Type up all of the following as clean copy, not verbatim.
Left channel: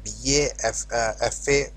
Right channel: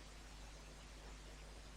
BA FA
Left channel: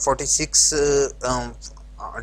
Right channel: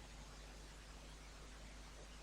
46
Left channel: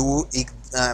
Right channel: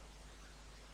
1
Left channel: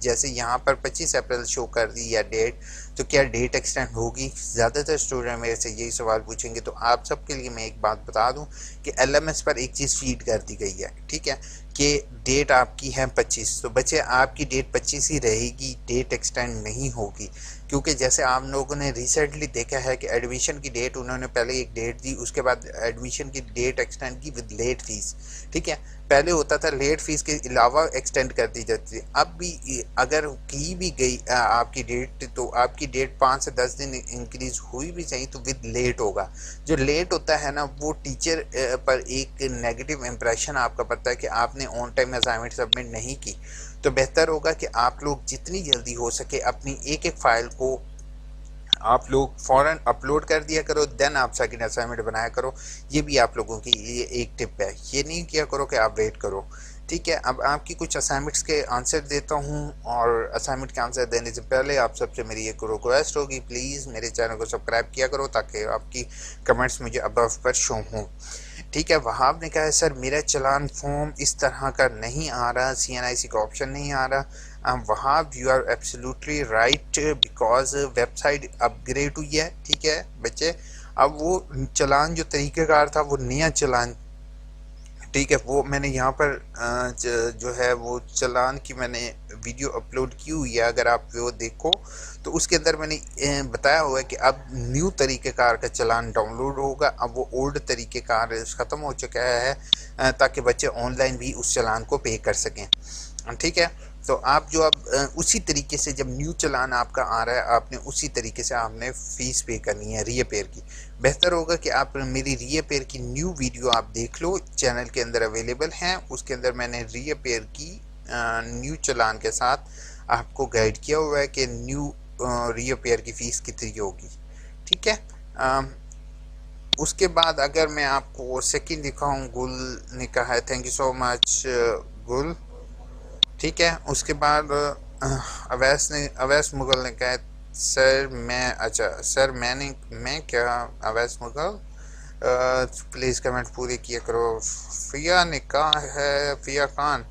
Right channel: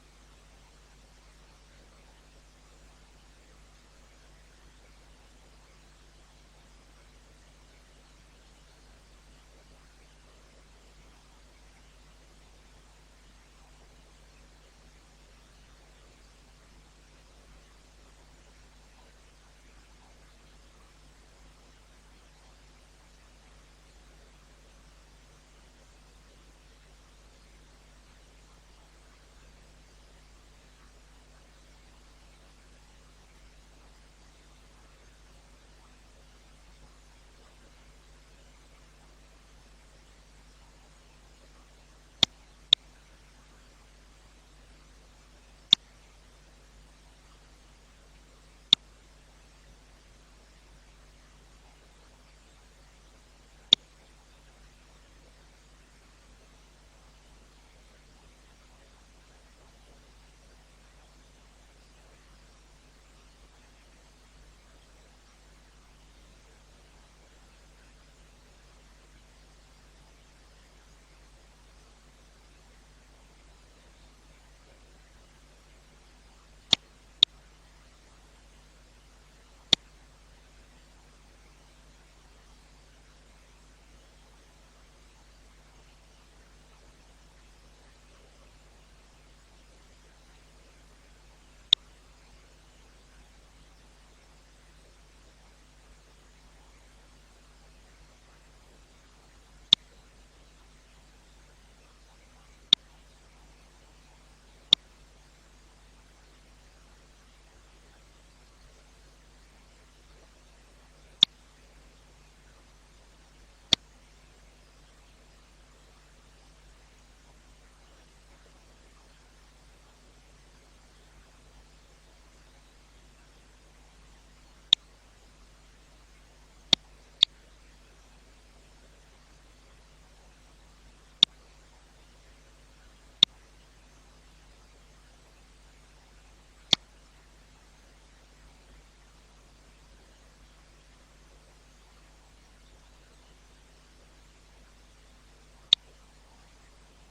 جیسے یہاں پر 25 April شو کر دی یا ڈیٹ، تو کیا ڈیٹ ایکسٹینڈ ہوگی؟ زیادہ تر اسٹوڈنٹ میرے سے یہی سوال پوچھیں گے. تو آپ سب کے لیے میں ایک بات بتا دوں کہ ایل ایم ایس پر ایک چیز فیڈ کر دی گئی ہے، ٹھیک ہے، کہ ڈیٹ آپ کی ہے 25. تو بچے آپ کی ڈیٹ 25 ہی رہے گی، ڈیٹ ایکسٹینڈ نہیں ہوگی. کیونکہ جیسے آپ لوگوں نے ریسنٹلی دیکھا ہے کہ ایڈمیشن کی ڈیٹ انہوں نے پہلے ایک ڈیٹ دی، اس کے بعد ایڈمیشن کی ڈیٹ ایکسٹینڈ کی ود لیٹ فیس، ٹھیک ہے. پہلے ہوتا تھا لیٹ فیس کے علاوہ ایکسٹینڈ کر دی جاتی تھی. اب بھی اگر کی بھی گئی آپ کی ڈیٹ، تو آپ کی ڈیٹ 5 سے 10 دن انکریز ہوئی بھی چاہیے تو ود لیٹ ہوگا. جو لیٹ ہوتا ہے نا وہ ٹیچر پر ایک نیگیٹو امپریشن آپ کا پڑتا ہے کہ آپ نے آن ٹائم اسائنمنٹ سبمٹ نہیں کی. تو بہتر ہوگا کہ آپ لوگ جتنی جلدی ہو سکے اپنی ایک ایک فائل کو آپ لوگ فوراً اپلوڈ کر دیا کرو، دین آپ سیکنڈ اسائنمنٹ بنایا کرو. یہ بھی آپ لوگوں کی یہ ایک ٹپ ہے، یہ نہیں کیا کرو کہ آپ ویٹ کرو. ٹھیک ہے، اب آپ کی کچھ اسائنمنٹس کے آنسر دیتا ہوں، اور اسائنمنٹ کے آنسر دینے سے پہلے آپ سب سے میری ایک ریکویسٹ ہوگی، پلیز میرے چینل کو سبسکرائب کیا کرو تاکہ آپ کی کمنٹس مجھے ابو پر شو ہوں. ٹھیک ہے، وہاب نے کہا ہے سر میرا چلان فارم اس طرح کا نہیں آ رہا، سی این آئی سی کا آپشن نہیں آ رہا. Wahab you are absolutely right, because website upgrade ہوئی ہے. ٹھیک ہے بچے، اب وہ چلان جو طریقہ کار تھا وہ نیا چلان، ٹھیک ہے، وہ میں نے یہاں پر جو ہے وہ چلان کی میں نے ویڈیو اپلوڈ کی ہوئی ہے، اگر آپ وہ دیکھو تو اس کے اندر میں نے بتایا ہوا ہے کہ اب نیو طریقہ کار کا چلان ڈاؤن لوڈ ہوگا. اب وہ اولڈ طریقہ کار ختم ہو چکا ہے تاکہ بچے آن لائن بھی اس چلان کو پے کر سکیں. ٹھیک ہے، تو آپ جو اب اسی طریقے سے جب نیو چلان آپ کا آ رہا ہے آپ نے اسی طریقے سے آپ نے فیس پے کرنی ہے ری اپیئر کی. بہتر ہوگا کہ آپ میری ری اپیئر کی نیو ویڈیو آپ دیکھ لو، چینل کے اندر اویلیبل ہیں. اس کے اندر میں نے ری اپیئر کی نیو چلان کے ساتھ آپ کو گائیڈ کیا ہوا ہے کہ نیو ری اپیئر کی فیس کتنی ہوگی. ٹھیک ہے، اس کے بعد اگر میں آپ کو سیکنڈ دکھاؤں، گل نے کہا ہے تھینک یو سو مچ گل. ٹھیک ہے، اس کے بعد اویس مغل نے کہا ہے سر میں، اچھا سر میں کیا اویس مغل پلیز کمنٹ پورے کیا کرو. فیا نے کہا ہے، فیا خان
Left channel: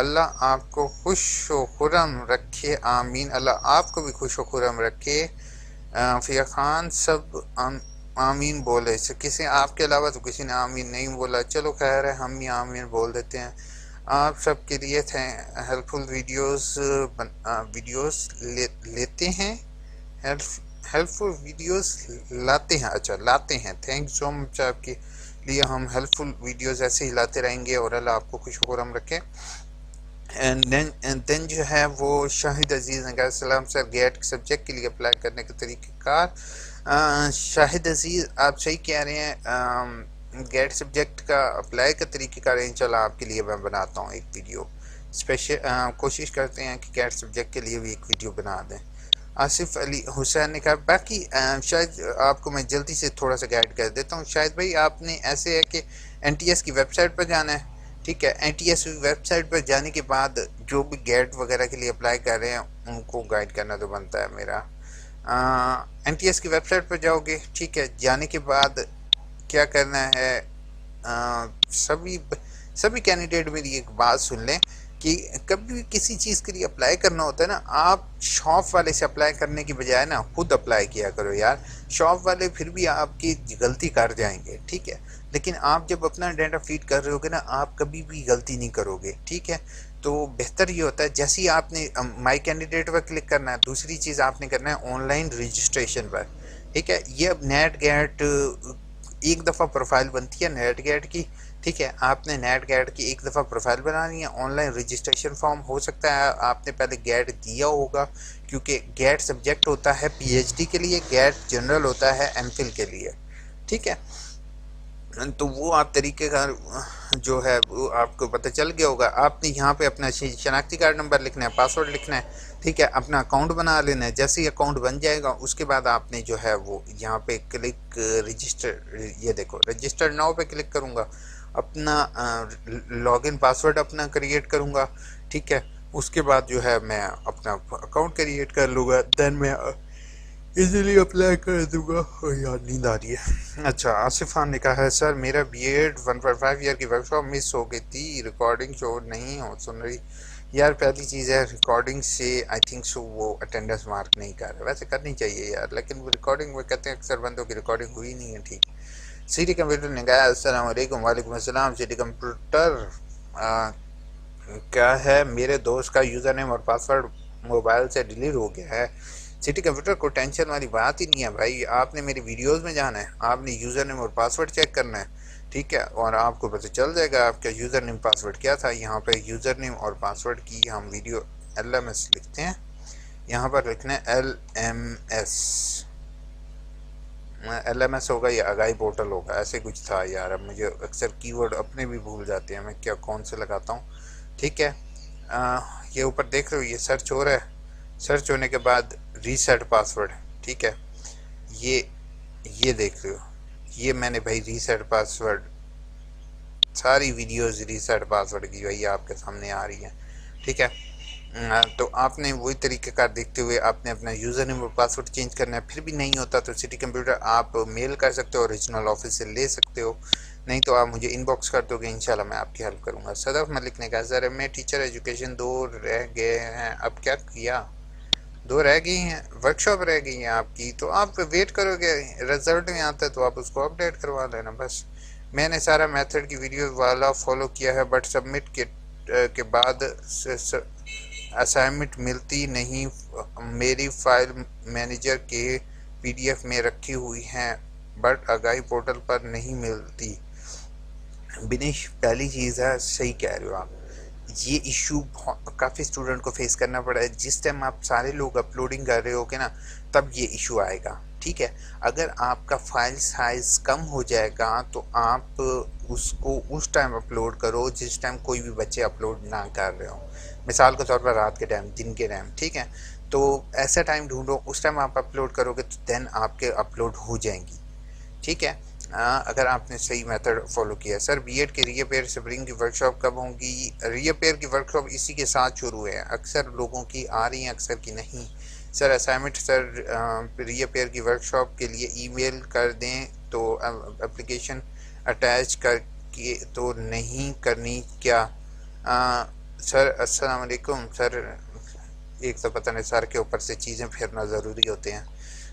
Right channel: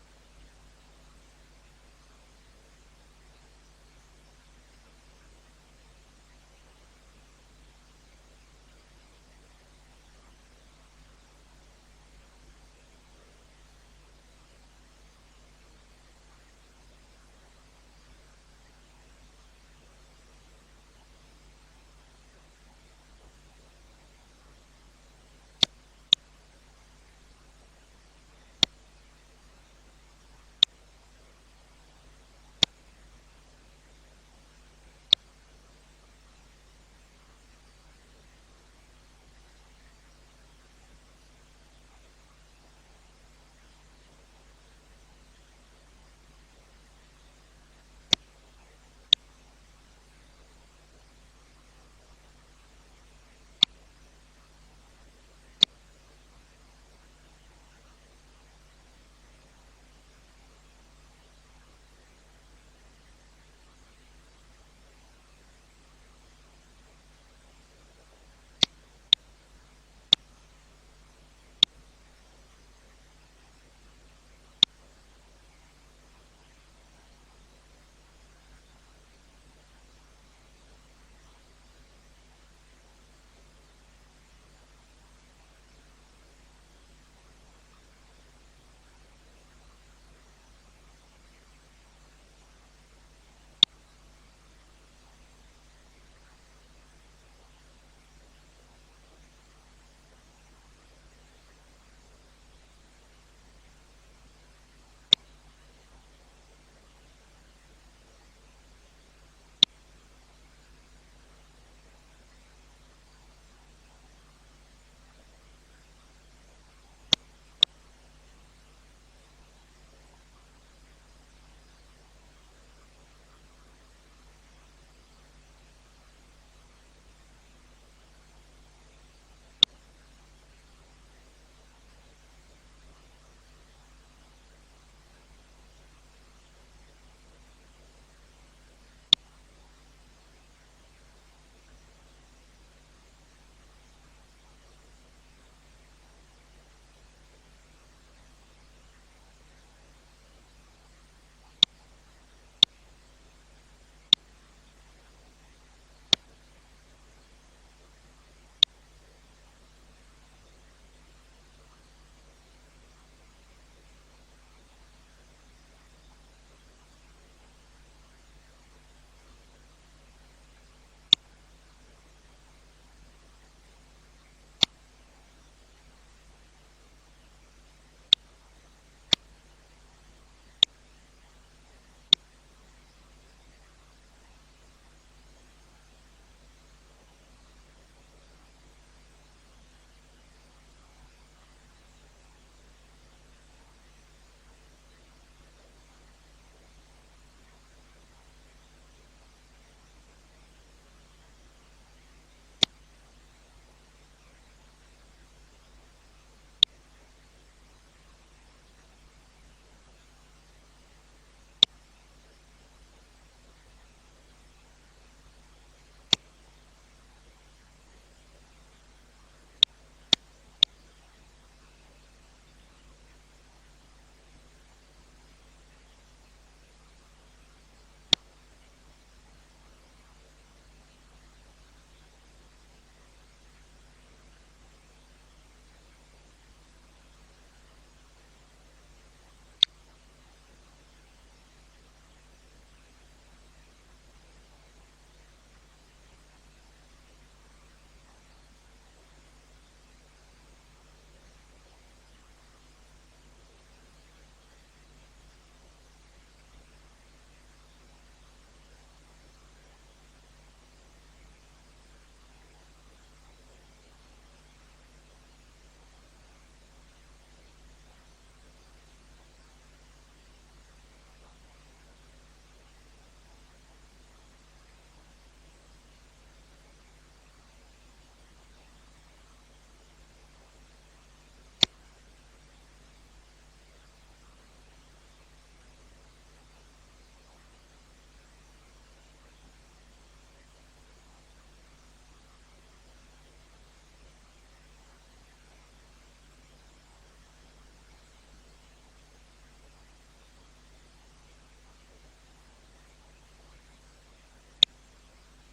اللہ آپ کو خوش و خرم رکھے، آمین. اللہ آپ کو بھی خوش و خرم رکھے. فیا خان سب آمین بولے، کسی آپ کے علاوہ تو کسی نے آمین نہیں بولا. چلو خیر ہے، ہم ہی آمین بول دیتے ہیں. آپ سب کے لیے تھے ہیلپ فل ویڈیوز لیتے ہیں، ہیلپ فل ویڈیوز لاتے ہیں، اچھا لاتے ہیں. تھینک سو مچ، آپ کے لیے ہم ہیلپ فل ویڈیوز ایسے ہی لاتے رہیں گے، اور اللہ آپ کو خوش خرم رکھے. اینڈ دین جو ہے وہ شاہد عزیز نے کہا السلام سر، گیٹ سبجیکٹ کے لیے اپلائی کرنے کا طریقہ کار. شاہد عزیز آپ صحیح کہہ رہے ہیں، گیٹ سبجیکٹ کا اپلائی کا طریقہ کار انشاءاللہ آپ کے لیے میں بناتا ہوں ایک ویڈیو اسپیشل. کوشش کرتے ہیں کہ گیٹ سبجیکٹ کے لیے بھی ایک ویڈیو بنا دیں. آصف علی حسین نے کہا باقی شاید آپ کو میں جلدی سے تھوڑا سا گائیڈ کر دیتا ہوں. شاید بھائی آپ نے ایسے ہے کہ این ٹی ایس کی ویب سائٹ پر جانا ہے. ٹھیک ہے، N T S website پر جانے کے بعد جو بھی گیٹ وغیرہ کے لیے اپلائی کر رہے ہیں ان کو گائیڈ کرنا تو بنتا ہے میرا. این ٹی ایس کی ویب سائٹ پر جاؤ گے، ٹھیک ہے، جانے کے بعد کیا کرنا ہے، سبھی کینڈیڈیٹ میری ایک بات سن لیں کہ کبھی بھی کسی چیز کے لیے اپلائی کرنا ہوتا ہے نا، آپ شاپ والے سے اپلائی کرنے کی بجائے نا خود اپلائی کیا کرو یار. شاپ والے پھر بھی آپ کی غلطی کر جائیں گے، ٹھیک ہے، لیکن آپ جب اپنا ڈیٹا فیڈ کر رہے ہوگے نا آپ کبھی بھی غلطی نہیں کرو گے. ٹھیک ہے، تو بہتر یہ ہوتا ہے جیسے ہی آپ نے مائی کینڈیڈیٹ پر کلک کرنا ہے، دوسری چیز آپ نے کرنا ہے آن لائن رجسٹریشن پر. ٹھیک ہے، یہ اب نیٹ گیٹ ایک دفعہ پروفائل بنتی ہے نیٹ گیٹ کی. ٹھیک ہے، آپ نے نیٹ گیٹ کی ایک دفعہ پروفائل بنانی ہے. آن لائن رجسٹریشن فارم ہو سکتا ہے آپ نے پہلے گیٹ دیا ہوگا، کیونکہ گیٹ سبجیکٹ ہوتا ہے پی ایچ ڈی کے لیے، گیٹ جنرل ہوتا ہے ایم فل کے لیے. ٹھیک ہے، تو وہ آپ طریقے کا جو ہے وہ آپ کو پتہ چل گیا ہوگا. آپ نے یہاں پہ اپنا شناختی کارڈ نمبر لکھنا ہے، پاسورڈ لکھنا ہے. ٹھیک ہے، اپنا اکاؤنٹ بنا لینا ہے. جیسے ہی اکاؤنٹ بن جائے گا اس کے بعد آپ نے جو ہے وہ یہاں پہ کلک رجسٹر، یہ دیکھو رجسٹر ناؤ پہ کلک کروں گا، اپنا لاگ ان پاسورڈ اپنا کریٹ کروں گا. ٹھیک ہے، اس کے بعد جو ہے میں اپنا اکاؤنٹ کریٹ کر لوں گا، دین میں ایزیلی اپلائی کر دوں گا. یار نیند آ رہی ہے. اچھا، آصف خان نے کہا ہے سر میرا بی ایڈ 1.5 ایئر کی ورک شاپ مس ہو گئی تھی، ریکارڈنگ شو نہیں ہو سن رہی. یار پہلی چیز ہے ریکارڈنگ سے آئی تھنک سو وہ اٹینڈنس مارک نہیں کر رہا، ویسے کرنی چاہیے یار، لیکن وہ ریکارڈنگ وہ کہتے ہیں اکثر بندوں کی ریکارڈنگ ہوئی نہیں ہے ٹھیک۔ سٹی کمپیوٹر نے کہا السلام علیکم، وعلیکم السلام سٹی کمپیوٹر، کیا ہے میرے دوست کا یوزر نیم اور پاسورڈ موبائل سے ڈیلیٹ ہو گیا ہے۔ سٹی کمپیوٹر کو ٹینشن والی بات ہی نہیں ہے بھائی، آپ نے میری ویڈیوز میں جانا ہے، آپ نے یوزر نیم اور پاسورڈ چیک کرنا ہے، ٹھیک ہے، اور آپ کو پتہ چل جائے گا آپ کا یوزر نیم پاسورڈ کیا تھا۔ یہاں پہ یوزر نیم اور پاسورڈ کی ہم ویڈیو LMS لکھتے ہیں، یہاں پر لکھنا ہے LMS، LMS ہوگا یا اگائی پورٹل ہوگا، ایسے کچھ تھا یار، اب مجھے اکثر کی ورڈ اپنے بھی بھول جاتے ہیں، میں کیا کون سے لگاتا ہوں، ٹھیک ہے۔ یہ اوپر دیکھ رہے ہو یہ سرچ ہو رہا ہے، سرچ ہونے کے بعد ریسیٹ پاسورڈ، ٹھیک ہے، یہ دیکھ رہے ہو، یہ میں نے بھائی ریسیٹ پاسورڈ، ساری ویڈیوز ریسیٹ پاسورڈ کی بھائی آپ کے سامنے آ رہی ہیں، ٹھیک ہے۔ تو آپ نے وہی طریقہ کار دیکھتے ہوئے آپ نے اپنا یوزر نیم اور پاسورڈ چینج کرنا ہے، پھر بھی نہیں ہوتا تو سٹی کمپیوٹر آپ میل کر سکتے ہو، اوریجنل آفس سے لے سکتے ہو، نہیں تو آپ مجھے ان باکس کر دو گے، انشاءاللہ میں آپ کی ہیلپ کروں گا۔ صدف ملک نے کہا سر میں ٹیچر ایجوکیشن 2 رہ گئے ہیں، اب کیا کیا؟ 2 رہ گئی ہیں، ورک شاپ رہ گئی ہیں آپ کی، تو آپ ویٹ کرو گے رزلٹ میں آتا ہے تو آپ اس کو اپڈیٹ کروا لینا بس۔ میں نے سارا میتھڈ کی ویڈیو والا فالو کیا ہے بٹ سبمٹ کے بعد اسائنمنٹ ملتی نہیں، میری فائل مینیجر کے PDF میں رکھی ہوئی ہیں بٹ آگاہی پورٹل پر نہیں ملتی۔ بنیش پہلی چیز ہے، صحیح کہہ رہے ہو آپ، یہ ایشو کافی اسٹوڈنٹ کو فیس کرنا پڑا ہے، جس ٹائم آپ سارے لوگ اپلوڈنگ کر رہے ہو گے نا تب یہ ایشو آئے گا، ٹھیک ہے۔ اگر آپ کا فائل سائز کم ہو جائے گا تو آپ اس کو اس ٹائم اپلوڈ کرو جس ٹائم کوئی بھی بچے اپلوڈ نہ کر رہے ہوں، مثال کے طور پر رات کے ٹائم، دن کے ٹائم، ٹھیک ہے، تو ایسا ٹائم ڈھونڈو اس ٹائم آپ اپلوڈ کرو گے تو دین آپ کے اپلوڈ ہو جائیں گی، ٹھیک ہے۔ اگر آپ نے صحیح میتھڈ فالو کیا ہے۔ سر B.Ed کے ری اپیئر سپرنگ کی ورکشاپ کب ہوں گی؟ ری اپیئر کی ورکشاپ اسی کے ساتھ شروع ہے، اکثر لوگوں کی آ رہی ہیں اکثر کی نہیں۔ سر اسائنمنٹ سر ری اپیئر کی ورکشاپ کے لیے ای میل کر دیں تو اپلیکیشن اٹیچ کر کے تو نہیں کرنی کیا؟ سر السلام علیکم سر، ایک تو پتہ نہیں سر کے اوپر سے چیزیں پھیرنا ضروری ہوتے ہیں۔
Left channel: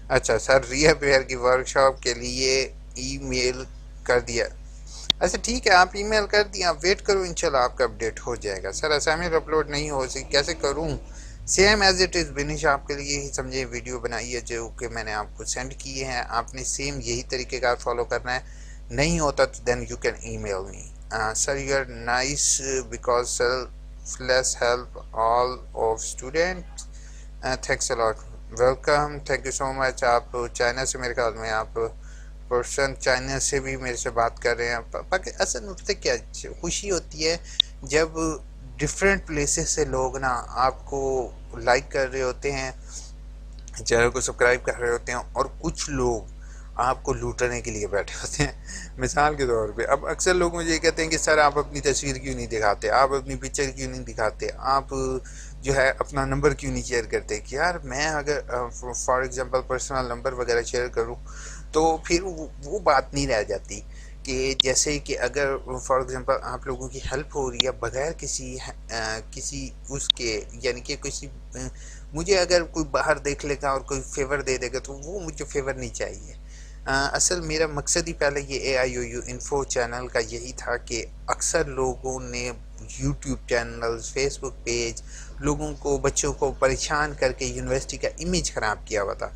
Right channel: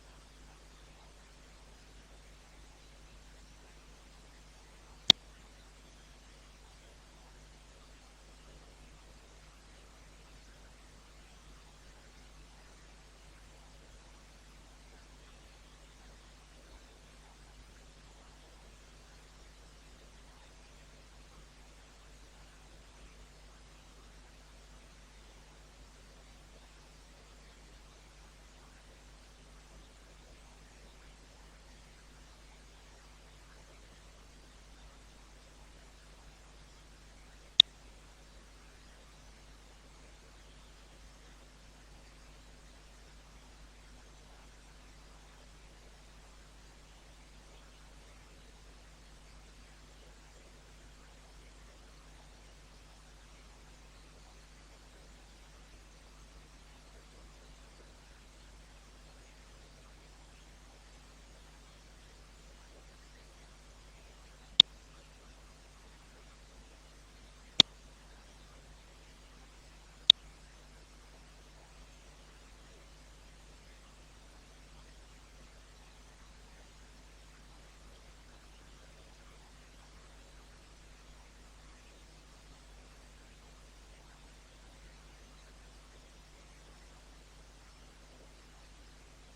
اچھا سر ری اپیئر کی ورکشاپ کے لیے ای میل کر دیا، اچھا ٹھیک ہے آپ ای میل کر دیا، آپ ویٹ کرو انشاءاللہ آپ کا اپڈیٹ ہو جائے گا۔ سر اسائنمنٹ اپلوڈ نہیں ہو سکی کیسے کروں؟ سیم ایز اٹ از بنش، آپ کے لیے ہی سمجھے ویڈیو بنائی ہے جو کہ میں نے آپ کو سینڈ کیے ہیں، آپ نے سیم یہی طریقہ کار فالو کرنا ہے، نہیں ہوتا تو then you can email me. Sir you are nice because selfless help all of student, thanks a lot, welcome, thank you so much. آپ چائنا سے میرے خیال میں آپ پرسن چائنا سے بھی میرے سے بات کر رہے ہیں، باقی اصل نقطے کیا خوشی ہوتی ہے جب ڈفرینٹ پلیسز سے لوگ نا آپ کو لائک کر رہے ہوتے ہیں، چینل کو سبسکرائب کر رہے ہوتے ہیں، اور کچھ لوگ آپ کو لوٹنے کے لیے بیٹھے ہوتے ہیں۔ مثال کے طور پہ اب اکثر لوگ مجھے یہ کہتے ہیں کہ سر آپ اپنی تصویر کیوں نہیں دکھاتے، آپ اپنی پکچر کیوں نہیں دکھاتے، آپ جو ہے اپنا نمبر کیوں نہیں شیئر کرتے، کہ یار میں اگر فار ایگزامپل پرسنل نمبر وغیرہ شیئر کروں تو پھر وہ بات نہیں رہ جاتی کہ جیسے کہ اگر فار ایگزامپل آپ لوگوں کی ہیلپ ہو رہی ہے بغیر کسی اس کے، یعنی کہ کسی مجھے اگر کوئی باہر دیکھ لے گا اور کوئی فیور دے دے گا تو وہ مجھے فیور نہیں چاہیے۔ اصل میرا مقصد ہی پہلے یہ AIOU انفو چینل کا یہی تھا کہ اکثر لوگوں نے یوٹیوب چینلز، فیس بک پیج، لوگوں کو بچوں کو پریشان کر کے یونیورسٹی کا امیج خراب کیا ہوا تھا۔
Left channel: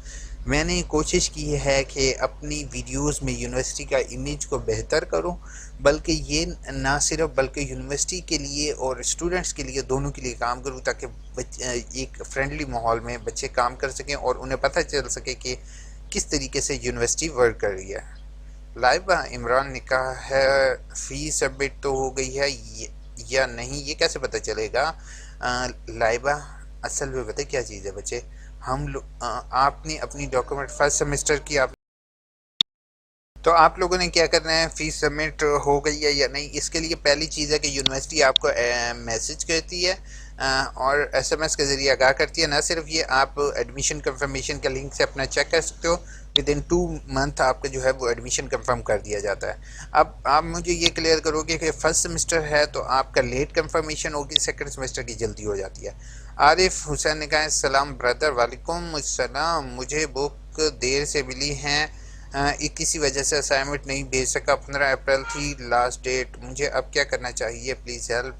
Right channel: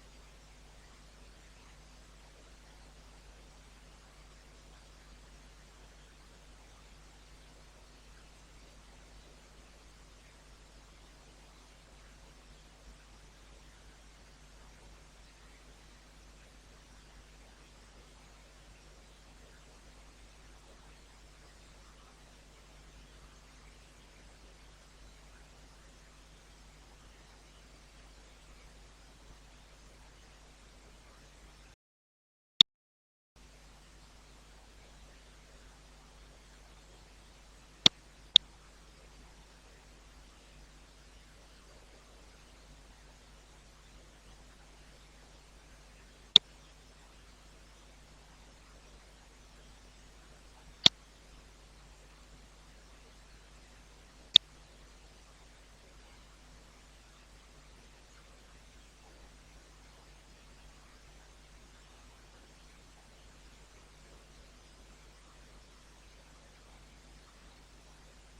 میں نے کوشش کی ہے کہ اپنی ویڈیوز میں یونیورسٹی کا امیج کو بہتر کروں، بلکہ یہ نہ صرف بلکہ یونیورسٹی کے لیے اور اسٹوڈنٹس کے لیے دونوں کے لیے کام کروں، تاکہ ایک فرینڈلی ماحول میں بچے کام کر سکیں اور انہیں پتہ چل سکے کہ کس طریقے سے یونیورسٹی ورک کر رہی ہے۔ لائبہ عمران نے کہا ہے فیس سبمٹ تو ہو گئی ہے یا نہیں یہ کیسے پتہ چلے گا؟ لائبہ اصل میں پتہ کیا چیز ہے بچے، آپ نے اپنی ڈاکومنٹ فرسٹ سیمسٹر کی تو آپ لوگوں نے کیا کرنا ہے، فیس سبمٹ ہو گئی ہے یا نہیں، اس کے لیے پہلی چیز ہے کہ یونیورسٹی آپ کو میسج کرتی ہے اور SMS کے ذریعے آگاہ کرتی ہے۔ نہ صرف یہ، آپ ایڈمیشن کنفرمیشن کا لنک سے اپنا چیک کر سکتے ہو، ود ان 2 منتھ آپ کا جو ہے وہ ایڈمیشن کنفرم کر دیا جاتا ہے۔ اب آپ مجھے یہ کلیئر کرو گے کہ فرسٹ سیمسٹر ہے تو آپ کا لیٹ کنفرمیشن ہوگی، سیکنڈ سیمسٹر کی جلدی ہو جاتی ہے۔ عارف حسین نے کہا السلام بردر، وعلیکم السلام، مجھے بک دیر سے ملی ہیں، کسی وجہ سے اسائنمنٹ نہیں بھیج سکا، 15 اپریل تھی لاسٹ ڈیٹ، مجھے اب کیا کرنا چاہیے، پلیز ہیلپ۔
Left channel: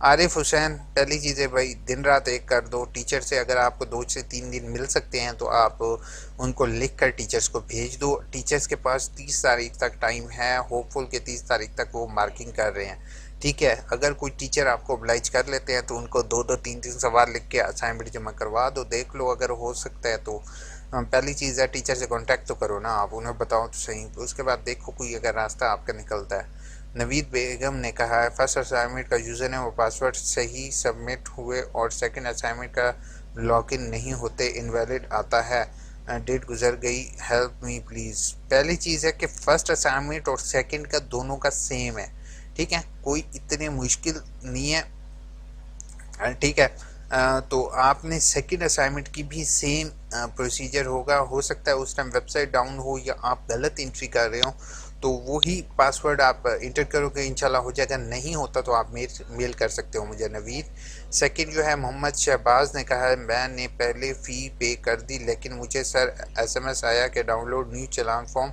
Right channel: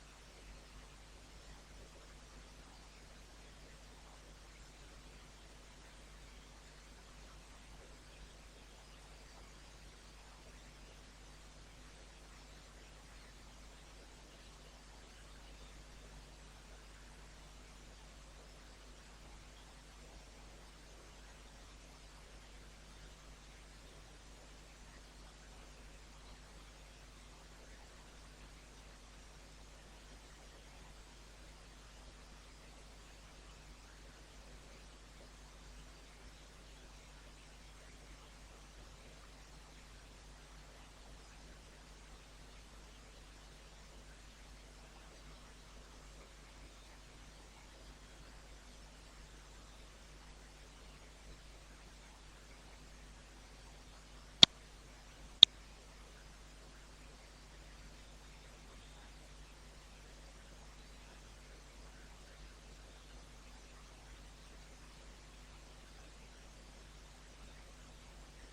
عارف حسین، پہلی چیز ہے بھائی دن رات ایک کر دو، ٹیچر سے اگر آپ کو 2 سے 3 دن مل سکتے ہیں تو آپ ان کو لکھ کر ٹیچرز کو بھیج دو۔ ٹیچرز کے پاس 30 تاریخ تک ٹائم ہے، ہوپ فل کہ 30 تاریخ تک وہ مارکنگ کر رہے ہیں، ٹھیک ہے۔ اگر کوئی ٹیچر آپ کو oblige کر لیتے ہیں تو ان کو 2 3 سوال لکھ کے اسائنمنٹ جمع کروا دو، دیکھ لو اگر ہو سکتا ہے تو۔ پہلی چیز ہے ٹیچر سے کانٹیکٹ تو کرو نا، آپ انہیں بتاؤ تو صحیح، اس کے بعد دیکھو کوئی اگر راستہ آپ کا نکلتا ہے۔ نوید بیگم نے کہا ہے فرسٹ اسائنمنٹ کا یوزر نیم اور پاسورڈ صحیح سبمٹ ہوئے اور سیکنڈ اسائنمنٹ کا لاگ ان نہیں ہوتے، انویلڈ آتا ہے، ڈیٹ گزر گئی، ہیلپ می پلیز۔ پہلی چیز ہے کہ فرسٹ اسائنمنٹ اور سیکنڈ کا دونوں کا سیم ہے، ٹھیک ہے، کوئی اتنے مشکل نہیں ہے، ٹھیک ہے۔ تو آپ نے سیکنڈ اسائنمنٹ کی بھی سیم پروسیجر ہوگا، ہو سکتا ہے اس ٹائم ویب سائٹ ڈاؤن ہو یا آپ غلط انٹری کر رہے ہوں، تو وہی پاسورڈ آپ انٹر کرو گے، انشاءاللہ ہو جائے گا، نہیں ہوتا تو آپ میل کر سکتے ہو مجھے نوید۔ سیکنڈ جو ہے محمد شہباز نے کہا ہے میں نے پہلے فی پے کر دی لیکن مجھے سر SMS آیا کہ ڈاؤن لوڈ نیو چلان فارم،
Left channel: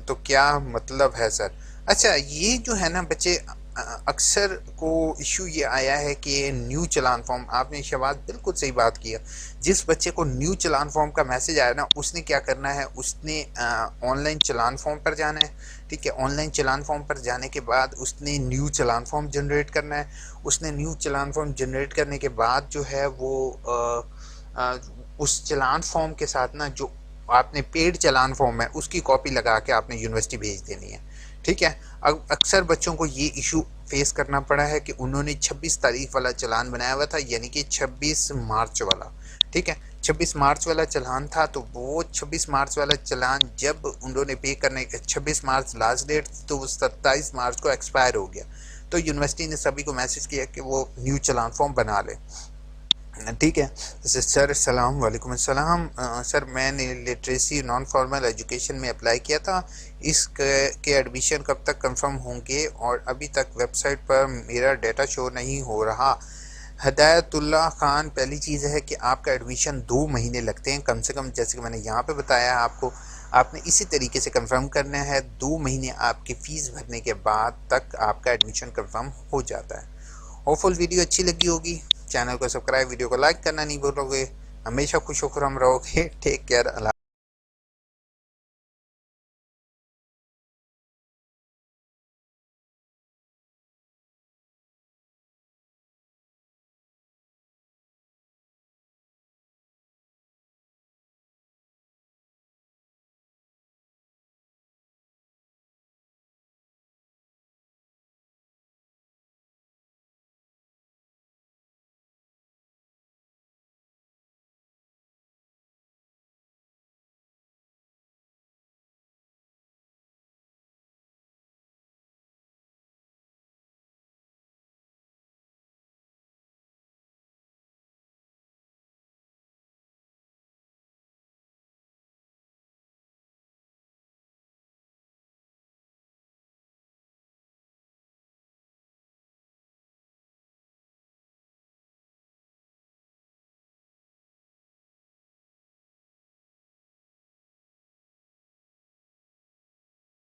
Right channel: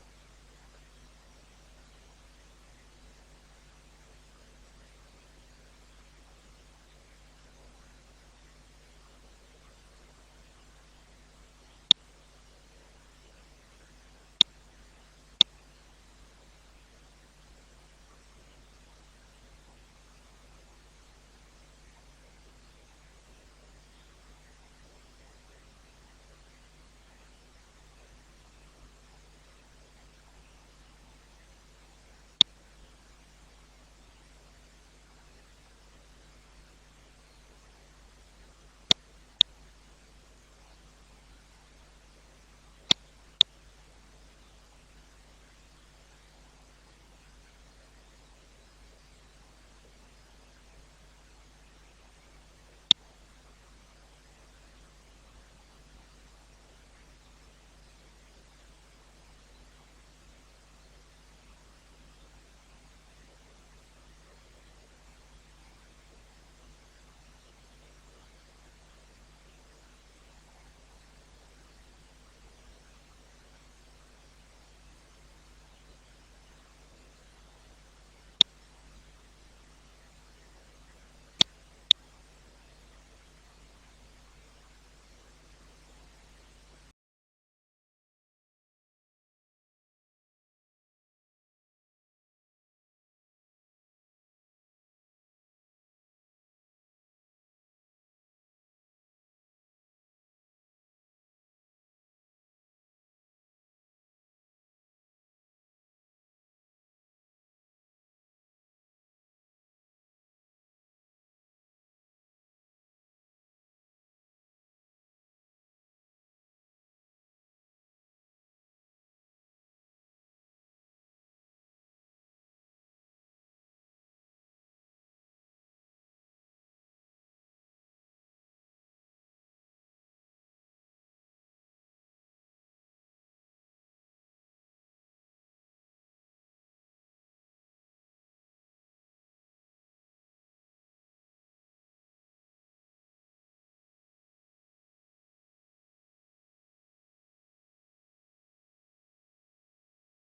تو کیا مطلب ہے سر؟ اچھا یہ جو ہے نا بچے، اکثر کو ایشو یہ آیا ہے کہ نیو چلان فارم، آپ نے شہباز بالکل صحیح بات کیا، جس بچے کو نیو چلان فارم کا میسج آیا نا اس نے کیا کرنا ہے، اس نے آن لائن چلان فارم پر جانا ہے، ٹھیک ہے، آن لائن چلان فارم پر جانے کے بعد اس نے نیو چلان فارم جنریٹ کرنا ہے، اس نے نیو چلان فارم جنریٹ کرنے کے بعد جو ہے وہ اس چلان فارم کے ساتھ نا جو آپ نے پیڈ چلان فارم ہے اس کی کاپی لگا کے آپ نے یونیورسٹی بھیج دینی ہے، ٹھیک ہے۔ اب اکثر بچوں کو یہ ایشو فیس کرنا پڑا ہے کہ انہوں نے 26 تاریخ والا چلان بنایا ہوا تھا، یعنی کہ 26 مارچ والا، ٹھیک ہے، 26 مارچ والا چلان تھا، تو وہ 26 مارچ والا چلان جب انہوں نے پے کرنے، 26 مارچ لاسٹ ڈیٹ تو وہ 27 مارچ کو ایکسپائر ہو گیا، تو یونیورسٹی نے سبھی کو میسج کیا کہ وہ نیو چلان فارم بنا لے، ٹھیک ہے۔ سر السلام علیکم السلام، سر میں نے لٹریسی نان فارمل ایجوکیشن میں اپلائی کیا تھا، اس کے ایڈمیشن کب تک کنفرم ہوں گے، اور ابھی تک ویب سائٹ پر میرا ڈیٹا شو نہیں ہو رہا۔ ہدایت اللہ خان، پہلی چیز ہے کہ آپ کا ایڈمیشن 2 مہینے لگتے ہیں کم سے کم، جیسے کہ میں نے یہاں پہ بتایا آپ کو، آپ نے اسی طریقے سے کنفرم کرنا ہے، 2 مہینے آپ کی فیس بھرنے کے بعد تک آپ کا ایڈمیشن کنفرم ہو جاتا ہے۔ ہوپ فل ویڈیو اچھی لگی ہوگی، چینل کو سبسکرائب، ویڈیو کو لائک کرنا نہیں بھولو گے، ہمیشہ خوش و خرم رہو گے، ٹیک کیئر، اللہ